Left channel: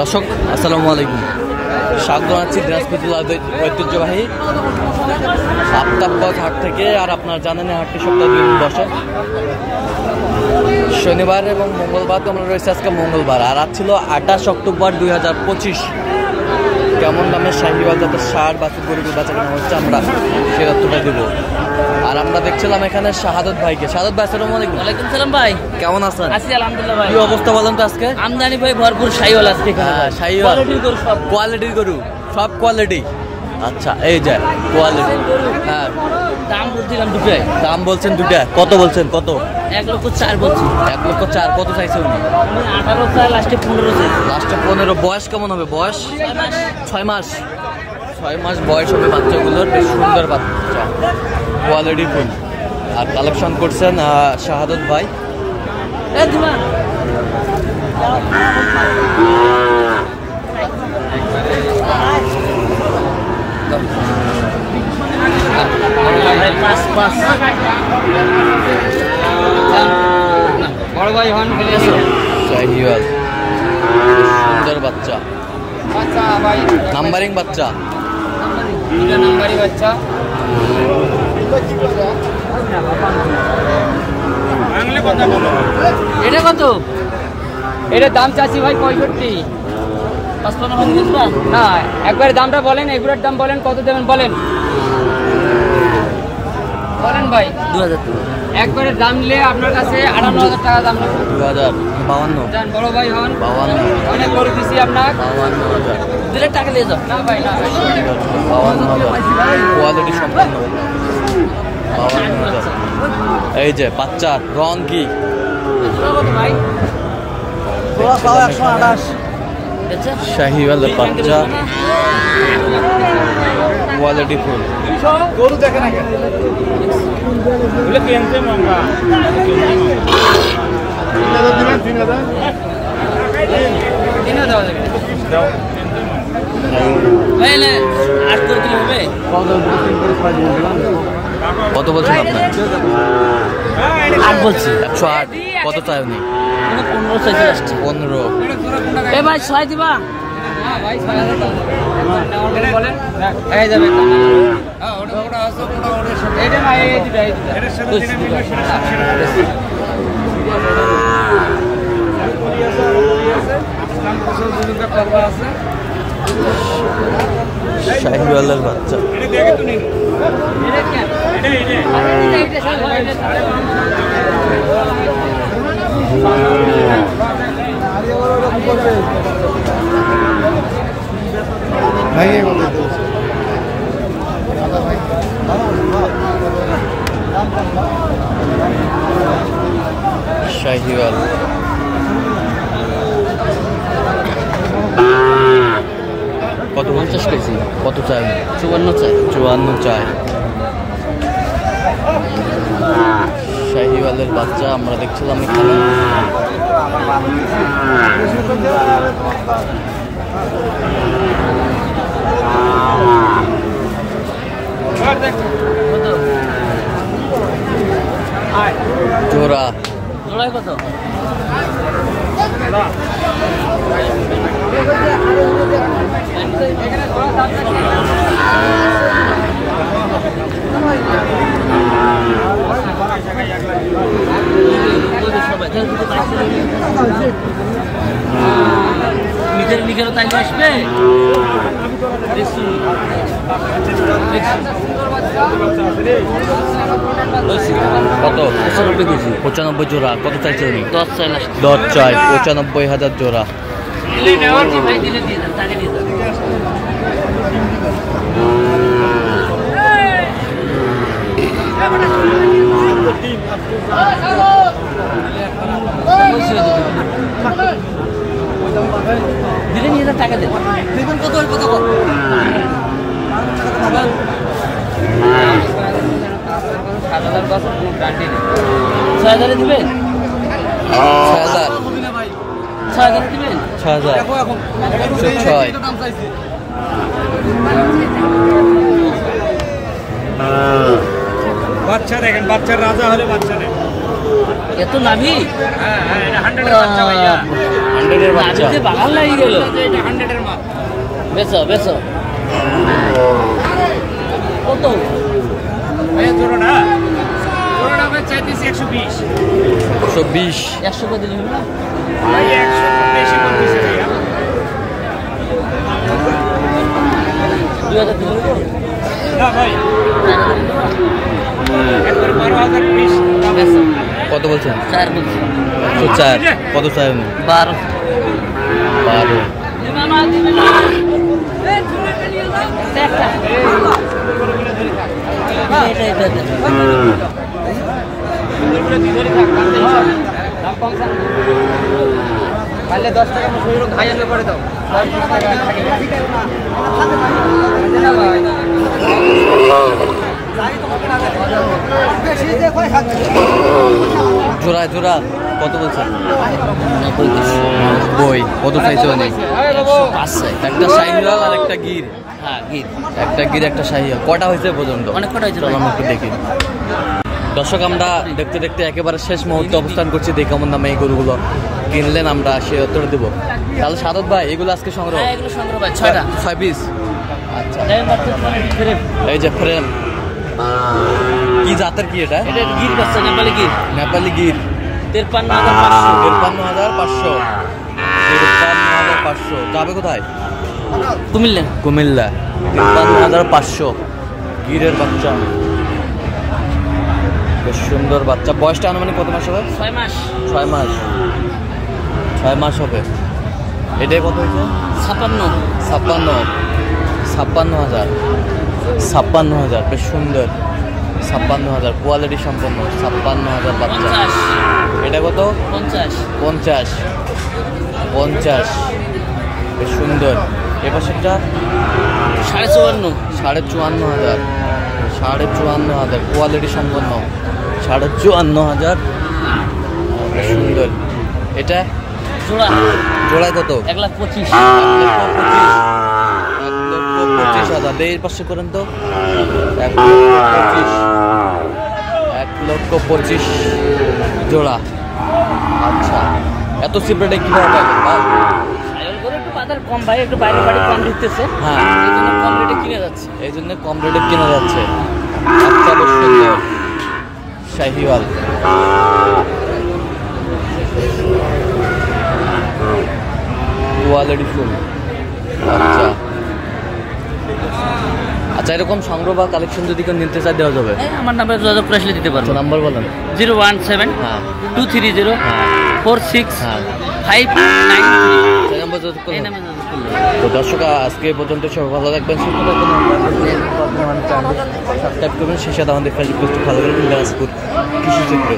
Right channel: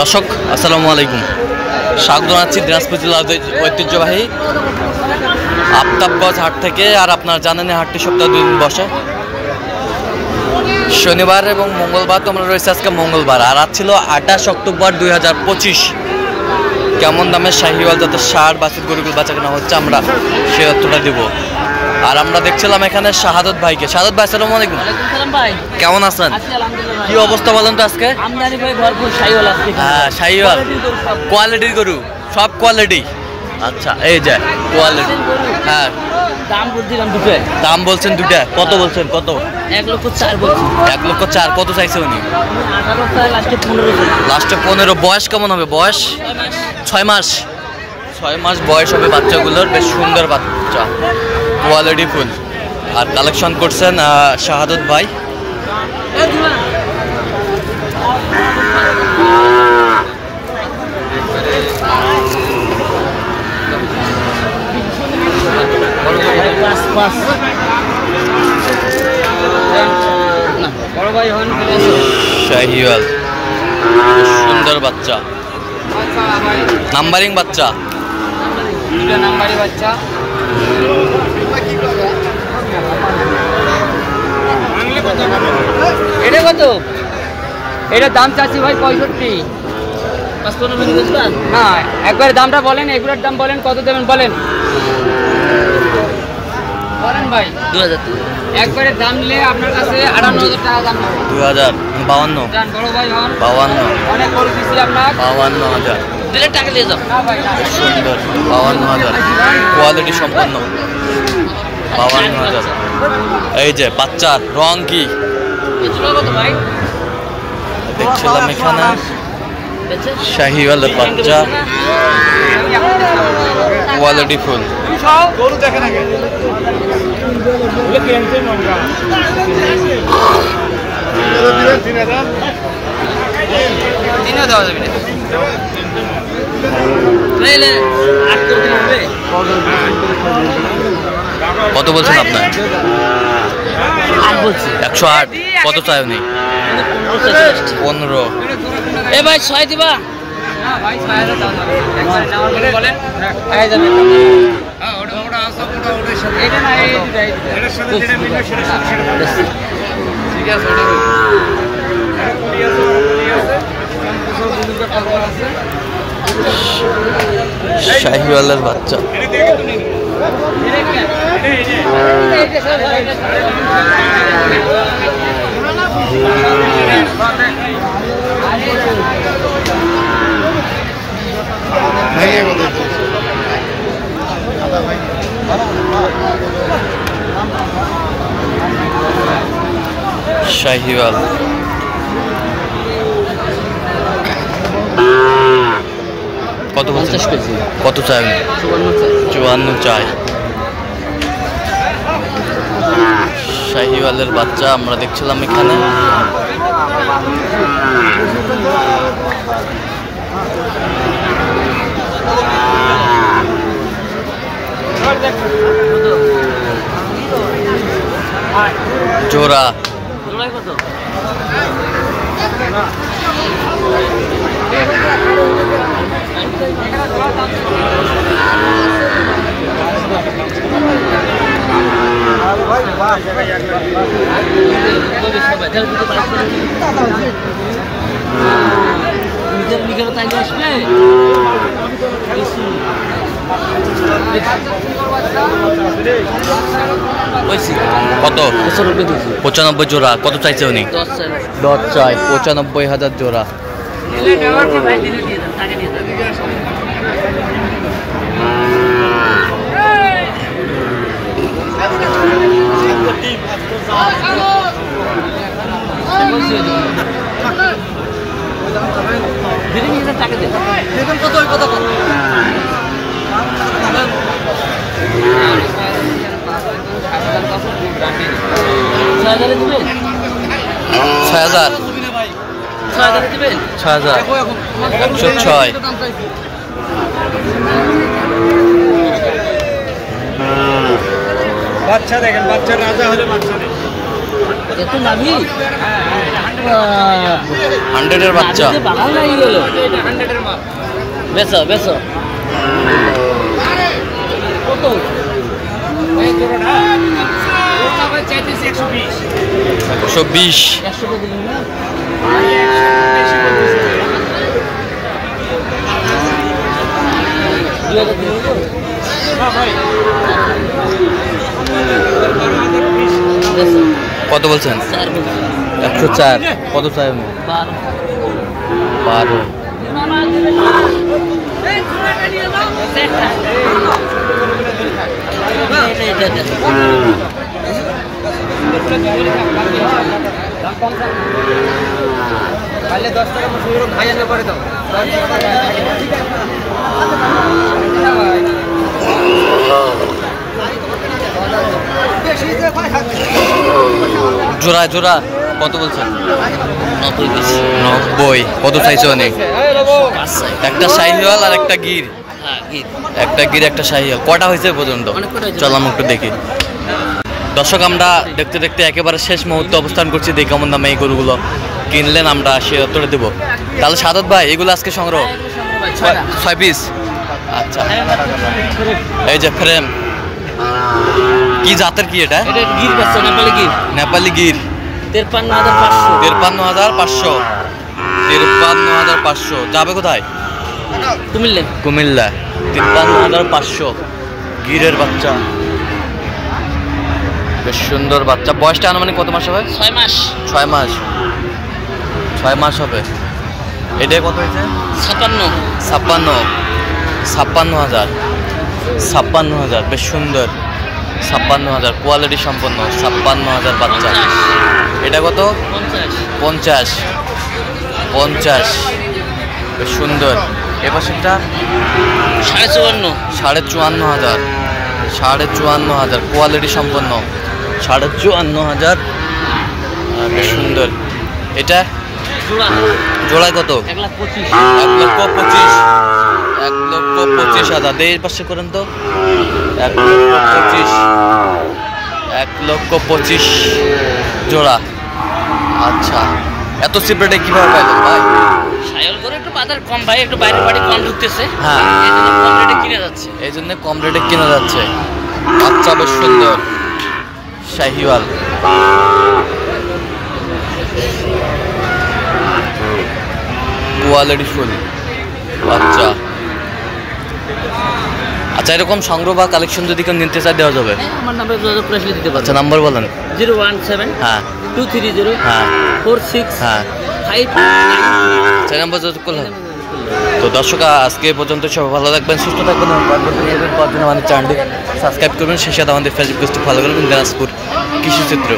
দর্শক আসসালামু আলাইকুম, স্বাগত জানাচ্ছি দিনাজপুর জেলার ঐতিহ্যবাহী আফতাবগঞ্জ হাট থেকে। আর আপনারা জানেন হাটটি সপ্তাহে 2 দিন বসে, শনিবার এবং মঙ্গলবার। তোমরা রয়েছে আজকে মঙ্গলবার, আর আজ ছিল 28 অক্টোবর 2025। কেমন দামে শাহিওয়াল জাতের ষাঁড় বাছুর গরুগুলো বাচ্চা কেনা হচ্ছে আমরা সে তথ্যটা দেবো। আর আমরা দেখছিলাম এখানে শাহাদত ভাইকে। শাহাদত ভাই আসসালামু আলাইকুম। ওয়ালাইকুম সালাম ভাই, কেমন আছেন? আছি আলহামদুলিল্লাহ ভাই। কি অবস্থা বলেন তো আজকে? আমদানি ভাই ভরপুর শাহিওয়াল আছে। হ্যাঁ, শাহিওয়াল কোয়ালিটির গরু, সব কোয়ালিটি। আচ্ছা, এই যে কোয়ালিটি। হ্যাঁ, দাম বলছিলাম দুটো। দাম বলছেন দুটা, কত বলছেন? কত? 1,04,000 বলছি। 1,04,000। কত চাইছে উনি? 18 চাই, লাস্টে 15 চাই। লাস্টে 15। বয়স কেমন হবে? বয়স 6 মাস। 6 মাস বয়স হবে বাচ্চাগুলোর। বেশ সুন্দর বাচ্চা, কোয়ালিটি ফুল। আর কালেকশন করছেন শাহাদত ভাই। শাহিওয়াল, সুন্দর বাচ্চা, নাম্বারিং বাচ্চা। এটা কত? এটা দাম চাচ্ছি ভাই 65। 55 ভাঙি বুঝবা না, একবার দামটা বলেন, এগুলোর দাম বলেন, কত দেবেন বলেন বলেন ভাই। 2000 একবারে দাম নিলে আপনার কাছে 58,000 টাকা দাম নেব। 2052 জান বড় ভাই হন। 52 অনেক করে দিছি আপনার। 52,000 দিলে টাকা দিয়ে যাও। না ভাই না, সুন্দর 52,000 কোয়ালিটি সম্পন্ন। 52,000। এই যে বাচ্চার রং কি দেখছিলাম এখানে, শাহিওয়ালের বাচ্চা, কোয়ালিটি ফুল। কত বলছেন আপনার? 108। কত চাই উনি? 15। এ ভাই 6 দিবা না ভাই, 6,000 দাও যাবে। একবারে নেওয়ার বলে বলেন আয় যাবে। হ্যাঁ, ওটা মোটা আছে, মোটা ওটার সাথে এটা না, এই দুটো এটার সাথে যেটা মিলবে সেটা ঠিক আছে। ওটা কোটি আছে, ইসলাম কুসল দুজনকা পাল্লা আছে। শাহিওয়ালের বাচ্চা। এটা দেখে তো নিন, এটা কেন এটা সব শাহিওয়াল কত বলছেন? কত চাই? 54 চাই। শাহিওয়ালের বাচ্চা আমরা দেখছিলাম এখানে। জোড়া নিজের লিখেও তাই আসবে। কত? 95 জোড়া। কত চাইছে উনি? 10 চাই। 95,000 জোড়া। টাকা দেবেন কত? কত কত 6,000 দিবেন? 6,000। 6,000 দিবেন? 6,000। 106। বাচ্চা দেখেন, বাচ্চা রাজা হলে বাচ্চা নেই। এত নাভি? হ্যাঁ হ্যাঁ, এটা 100 এর বাচ্চা ভাইয়া। 100 এর বাচ্চা। নাভিতে বাগান লাগিয়ে গেল। এটা 100 এর মাল। বেচো বেচো। কত? ভাইয়া জোড়াটা? জোড়াটা ভাই চাইতেছি 120। 120। 100 করে দিলেন না? ভাইয়া 120 করতেছি ভাইয়া। 2000 দিলেন তো? না ভাই। একবার 12,000 পিস। বেচো। কত বলছেন? 4 বলছি। 104। কত চাই উনি? 12। 12। মামা দিবেন না? এই জোড়াটা নিয়ে নাও। এটা। কালে 10 টাকা ভাইয়া করে দাও। জোড়া জোড়া কত বলছেন? 90 পিস। 90। কত চাইছে অনেক? আচ্ছা। একটা শাহিওয়াল আর একটা গির। হ্যাঁ, গিট। একটা গির একটা শাহিওয়াল। কটা হয়েছে এ পর্যন্ত? অনেক কটা হয়েছে। চল আমরা একটু দেখি। দর্শক, আমরা দেখতে দেখতে একেবারে শেষ মুহূর্তে অবস্থান করছি। দেখে কেমন দামে এই গরুগুলো কিনলেন আমরা সে উত্তরে দেবো। তাহলে সাদত ভাই, এগুলো আজকে সংগ্রহ হ্যাঁ, এগুলো সংগ্রহ ভাই, 6টা। 6 পিস। আচ্ছা, এই যে ফ্রেম। কি জাতের কি এটা? এটা গির বেচছে, নেপালি গির। নেপালি গির। 53,500। 53,500। 53,500। যাবে কোথায়? কুমিল্লা। কুমিল্লা। 53,500। গিরের বাচ্চা, বেশ সুন্দর বাচ্চা। বয়সটা আনুমানিক কত মাস হবে? 6 মাস। 6 মাস। 6 মাস হবে। এটা কত হয়েছে? 56। 56,000। 56,000। বেশ সুন্দর। 56,000 কোয়ালিটি সম্পন্ন। 56,000 বাচ্চা। 50। এটা কত? 50। 50। 50। বেশ সুন্দর। এ পাশেরটা 54,500। 54,500। 54,500 কোয়ালিটি সম্পন্ন। 54,500। বেশ সুন্দর। এটা জোড়া জোড়ায় কত? 1,25,000। 1,25,000। 1,25,000। এই পাশে করেন তো। 1,25,000। 1,25,000 জোড়া। আচ্ছা, এত সিপ্রেটে কিভাবে পাইলেন ভাই? সায়ল করে একটু বাজার কম ভাই, একটু বাইরের বাড়ি কম ঢুকতেছে। হ্যাঁ, এই জন্য কম রেটে কিনে যাচ্ছে। এই জন্য কম রেটে কেনা যাচ্ছে। আচ্ছা, বেশ সুন্দর শাহিওয়াল। Quality full. আচ্ছা আচ্ছা, এরকম সংগ্রহ বা কালেকশন যদি কেউ নিতে চায় দেওয়া যাবে? হ্যাঁ, আমার নাম্বার যোগাযোগ করে আসলে দিতে আচ্ছা, পারবো। নাম্বার বলেন। 017 হ্যাঁ 230 হ্যাঁ 46 হ্যাঁ 593। চার নাম্বার যোগাযোগ করলাম। তো দর্শক, আজকে এই পর্যন্ত সবাই ভালো থাকবেন, সুস্থ থাকবেন। আমাদের চ্যানেলটি সাবস্ক্রাইব করবেন। সেই সাথে আমাদের ফেসবুক পেজটি ফলো করবেন, দিনাজপুর কৃষি চিত্র।